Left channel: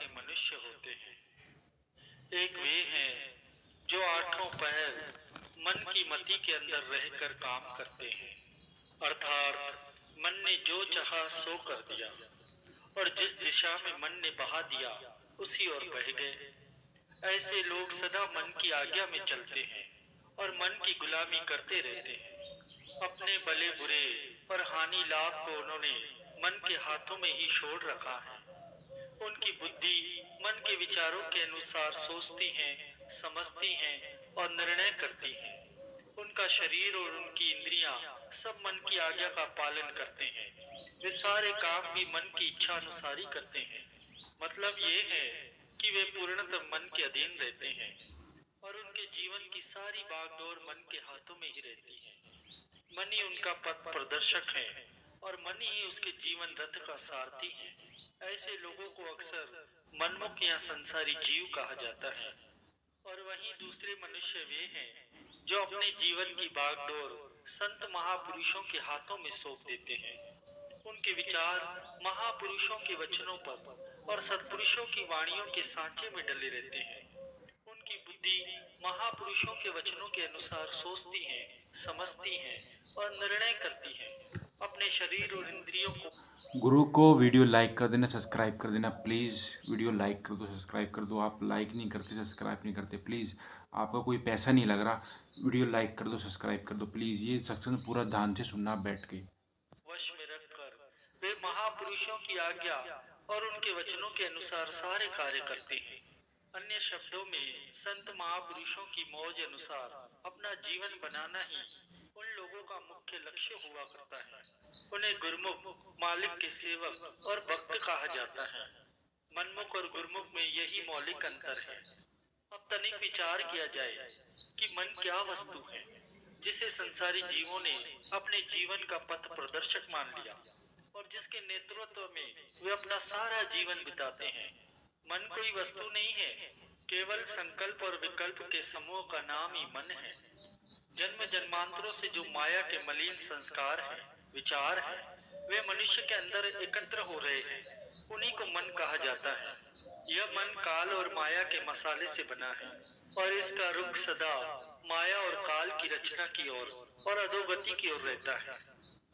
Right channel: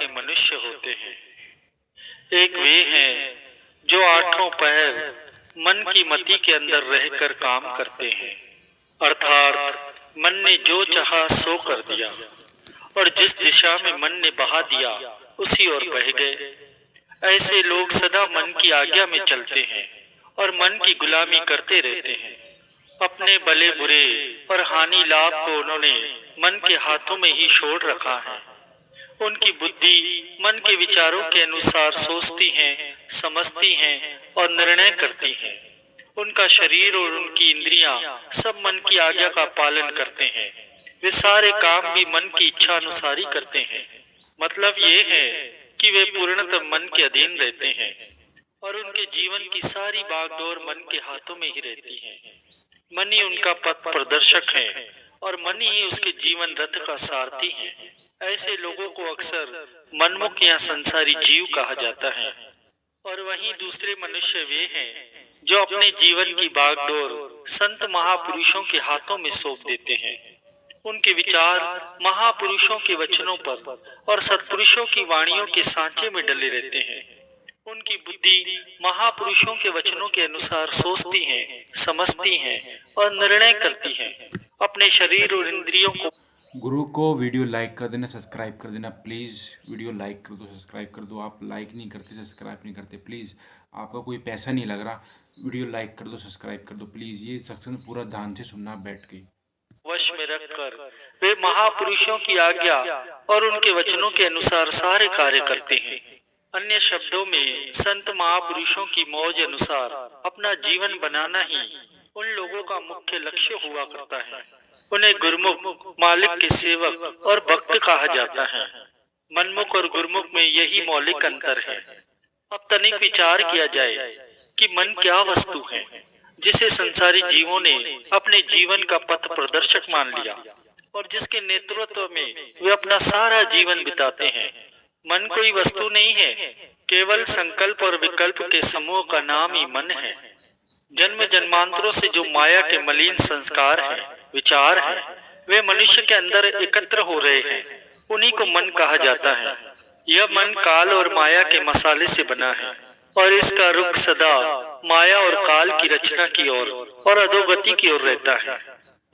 के मनुष्य होते हैं। एक वे हैं जो आठों पहर मन की मति के अंदर रहकर काम करते हैं, अर्थात मन ने जो चाहा सो कर दिया और जिस दिशा में मन ने बहा दिया उसी ओर बह गए। ऐसे लोग सदा मन की आज्ञा में चलते हैं और मन की गुलामी करते रहते हैं। अपने भले बुरे और हानि लाभ को उन्होंने मन के हाथों में ही छोड़ रखा है। उनकी बुद्धि मन के विचारों के अनुसार सोचती है, समझती है और निर्णय करती है। उनका शरीर और उनकी इंद्रियां सब मन की आज्ञा का पालन करते हैं। वे सारे काम भी मन की इच्छा अनुसार ही करते हैं। मतलब ये है कि वे पूर्णतः मन के अधीन रहते हैं और उनके जीवन की सारी बागडोर मन के हाथों में ही रहती है। मन ही उनका पथ प्रदर्शक है और मन ही उसके जीवन रथ का सारथी है। ऐसे लोगों को अक्सर मनमुख या संसारी जीव कहा जाता है। और वहीं दूसरे मनुष्य वे हैं जो अपने जीवन की बागडोर संत महापुरुषों के हाथों में सौंप देते हैं। उनके विचार महापुरुषों के वचनों पर और सत्पुरुषों की वाणियों के सांचे में डले रहते हैं। उनकी बुद्धि महापुरुषों के वचनों के अनुसार सोचती है, समझती है और निर्णय करती है। अपने शरीर और इंद्रियों को गुरु को वीडियो लाइक कर देना, सब्सक्राइब कर देना प्लीज़। वीडियो लाइक कर दो, सब्सक्राइब कर दो। आप लाइक नहीं करते, सब्सक्राइब नहीं करते, प्लीज़ आपका कोई पैसा नहीं लग रहा। वीडियो लाइक कर दो, सब्सक्राइब कर दो प्लीज़। ये सत्संग पूरा ध्यान से सुनना बैठ के। वश में रखकर वे महापुरुषों की आज्ञा और उनके वचनों के अनुसार सारे कार्य करते हैं। अन्य शब्दों में संत महापुरुषों की मौज अनुसार अपना जीवन बनाना ही उन लोगों का मुख्य लक्ष्य हुआ करता है। उन्हें गुरुमुख, मालिक के सेवक और भक्त कहा जाता है। मनमुख और गुरुमुख में यही मौलिक अंतर है। अब तनिक विचार किया जाए कि मन क्या वस्तु है जिसे संसारी जीवों ने अपने जीवन का पथ प्रदर्शक मान लिया और जिसके नेतृत्व में वे अपना सारा जीवन बिताते हैं। मन कोई वस्तु नहीं है, केवल संकल्प और विकल्प के समूह का नाम ही मन है। जन्म जन्मांतरों से जो माया के मलिन संस्कार हैं, विचार हैं, वे मनुष्य के अंदर एकत्र हो रहे हैं, उन्हीं को मन कहा जाता है। यह मन काल और माया के मसाले से बना है और इसका रुख सदा माया और काल की रचना की ओर और अधोगति की ओर रहता है।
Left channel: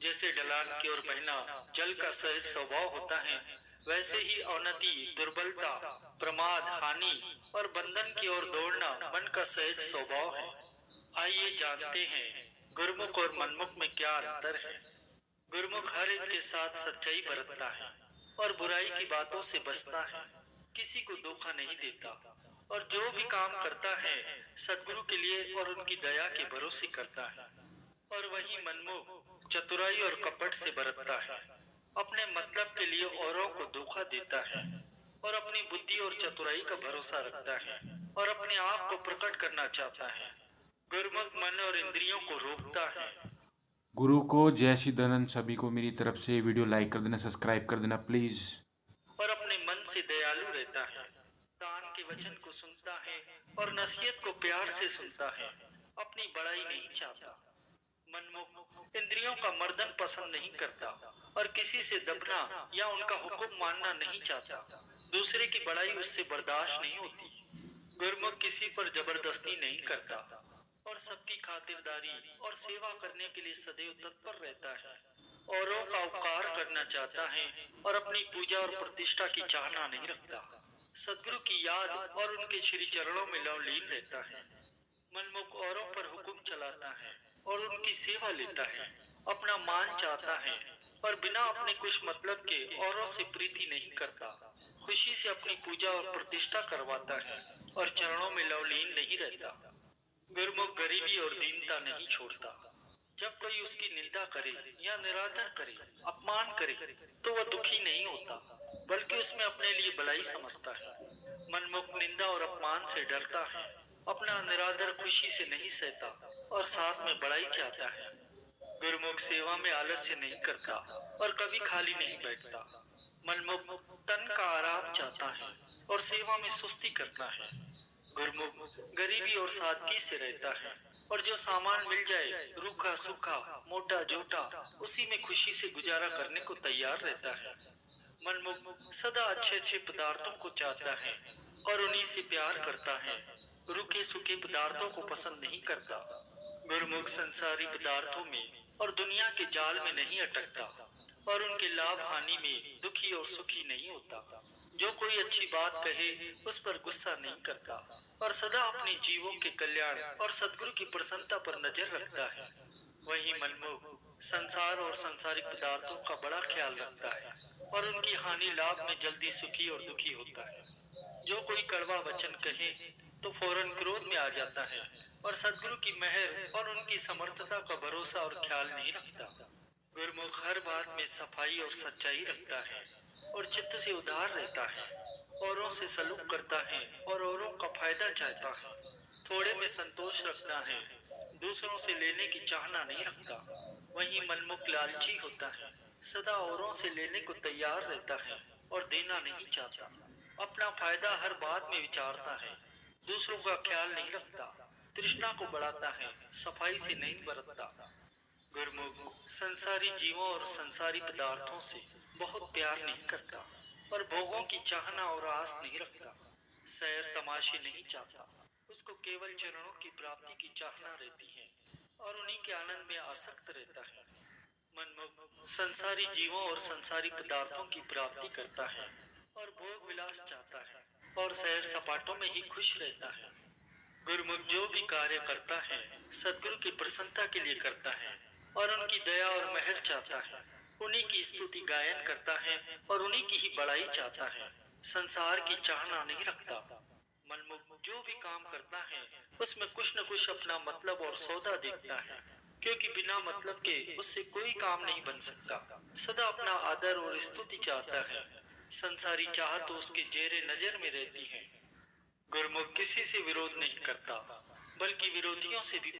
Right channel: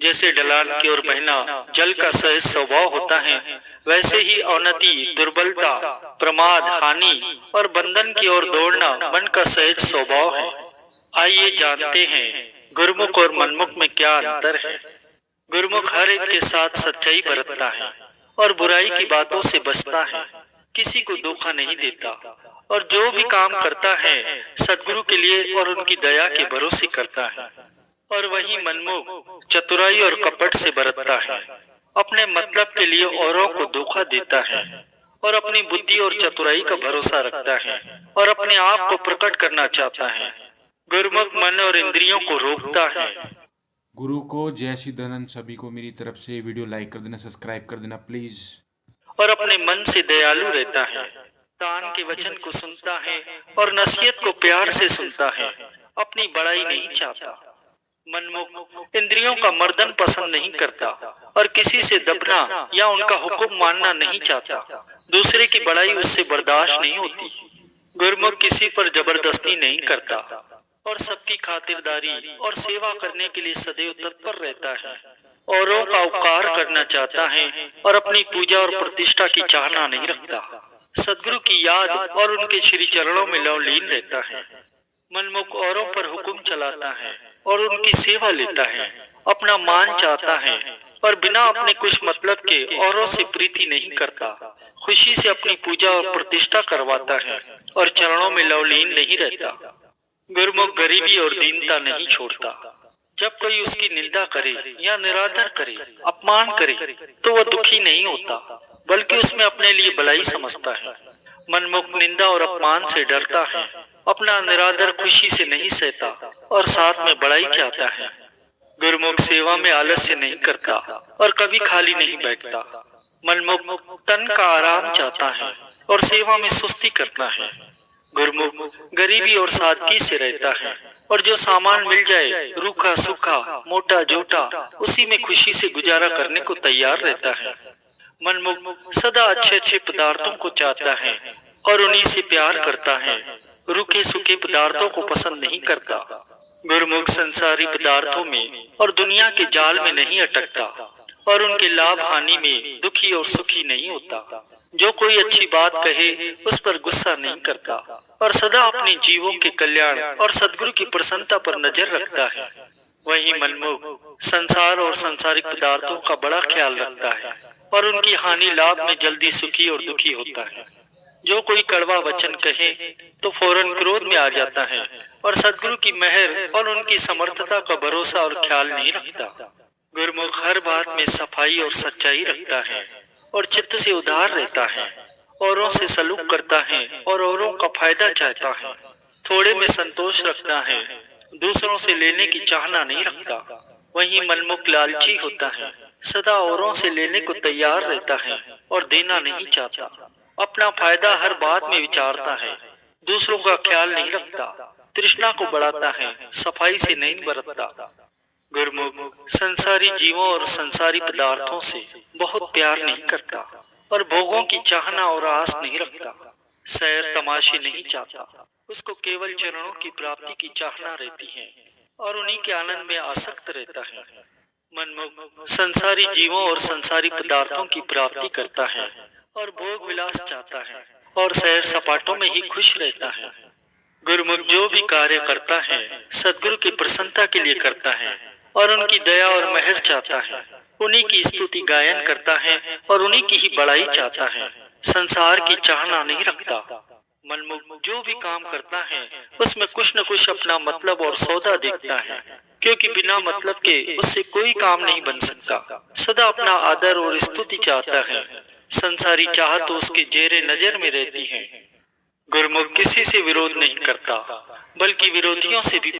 जैसे ढलान की ओर बहना जल का सहज स्वभाव होता है, वैसे ही अवनति, दुर्बलता, प्रमाद, हानि और बंधन की ओर दौड़ना मन का सहज स्वभाव है। आइए जानते हैं गुरुमुख और मनमुख में क्या अंतर है। गुरुमुख हर एक के साथ सच्चाई बरतता है और बुराई की बातों से बचता है, किसी को धोखा नहीं देता और जो भी काम करता है सद्गुरु के लिए और उनकी दया के भरोसे करता है। और वही मनमुख चतुराई और कपट से बरतता है, अपने मतलब के लिए औरों को धोखा देता है और अपनी बुद्धि और चतुराई का भरोसा रखता है और अपने आप को प्रकट करना चाहता है। गुरुमुख मन और इंद्रियों को रोकता है। गुरु को जय श्री दयानंद। सभी को मेरी तरफ से वीडियो लाइक कर देना, सब्सक्राइब कर देना प्लीज़। और अपने मन से दयालु रहता है, तान के वचन को सुनता है और नसीहत को प्यार से सुनता है, अपनी बड़ाई नहीं चाहता। मनमुख इंद्रियों का मर्दन पसंद नहीं करता और किसी से दबना या उनका हुक्म मानना नहीं चाहता। दूसरे की बड़ाई उससे बर्दाश्त नहीं होती। गुरुमुख किसी पर जबरदस्ती नहीं करता और सबकी खातिरदारी और सेवा करने के लिए सदैव तत्पर रहता है। औरों का उपकार करना चाहता है और अपनी पूजा और प्रतिष्ठा की चाहना नहीं रखता। सद्गुरु की याद और उनके श्री चरणों में लवलीन रहता है। मनमुख औरों पर हुक्म चलाता है और उनकी सेवा लेता है, अपना मान चाहता है और बिना अपने कुछ मतलब के औरों से प्रीति नहीं करता। खुशी से अपनी पूजा और प्रतिष्ठा करवाता है और चरणों में लवलीन नहीं रहता। गुरुमुख गरीबी और दीनता नहीं छोड़ता। जब कोई उसकी निंदा करे या निरादर करे, अपमान करे, तो वह दुखी नहीं होता, बल्कि उसमें अपने लिए भलाई समझता है। मनमुख निंदा और अपमान से डरता है, अपना निरादर खुशी से नहीं सहता और साथ में बड़ाई चाहता है। गुरुमुख सेवा में आलस्य नहीं करता और कभी खाली नहीं बैठता। मनमुख तन का आराम चाहता है और सेवा में सुस्ती करता है। गुरुमुख गरीबी और सादगी से रहता है और जो सामान मिल जाए, रूखा सूखा, मोटा जोटा, उसी में खुशी से गुजारा करने को तैयार रहता है। मनमुख सदा अच्छे अच्छे पदार्थों को चाहता है और उन्हीं से प्यार करता है, रूखे सूखे पदार्थों को पसंद नहीं करता। गुरुमुख संसारी पदार्थों में और दुनिया के जाल में नहीं अटकता और उनके लाभ हानि में दुखी और सुखी नहीं होता। जो कोई अच्छी बात कहे उस पर गुस्सा नहीं करता और सदा अपने जीवों के कल्याण और सद्गुरु की प्रसन्नता पर नजर रखता है। वही मनमुख संसार और सांसारिक पदार्थों का बड़ा ख्याल रखता है और उनकी हानि लाभ में जल्दी सुखी और दुखी होता है। जो कोई कड़वा वचन कहे तो फौरन क्रोध में आ जाता है और सद्गुरु की मेहर और उनकी समर्थता का भरोसा और ख्याल नहीं रखता। गुरुमुख हर बात में सफाई और सच्चाई रखता है और चित्त से उदार रहता है, औरों से सलूक करता है और औरों का फायदा चाहता है। थोड़े में संतोष रखता है, दूसरों से लेने की चाहना नहीं रखता। वही मनमुख लालची होता है, सदा औरों से लेने को तैयार रहता है और देना नहीं चाहता। अपना फायदा हर बात में विचारता है, दूसरों का ख्याल नहीं रखता। तृष्णा को बढ़ाता है, सफाई से नहीं बरतता। गुरुमुख संसारी जीवों और संसारी पदार्थों से बहुत प्यार नहीं करता और भोगों की चाहना और आस नहीं रखता। सैर तमाशे नहीं चाहता, उसको केवल चरणों की प्राप्ति की चाहना रहती है और उन्हीं के आनंद में आसक्त रहता है। मनमुख संसारी जीवों और संसारी पदार्थों की प्राप्ति करता है और भोग विलास चाहता है और सैर सपाटों में ही खुश रहता है। गुरुमुख जो भी कार्य करता है सद्गुरु की प्रसन्नता के लिए करता है और उनकी दया और मेहर चाहता है। उन्हीं की स्तुति गायन करता है और उन्हीं की ही बड़ाई चाहता है, संसार की चाहना नहीं रखता। मनमुख जो भी काम करता है उसमें कुछ न कुछ अपना मतलब और सौदा देखता है, क्योंकि बिना मतलब के उससे कोई काम नहीं बन सकता। सदा अपना आदर और स्तुति चाहता है, संसारी चाहत तो उसके जेरे नजर में रहती है। गुरुमुख किसी से विरोध नहीं करता, बल्कि विरोधियों से भी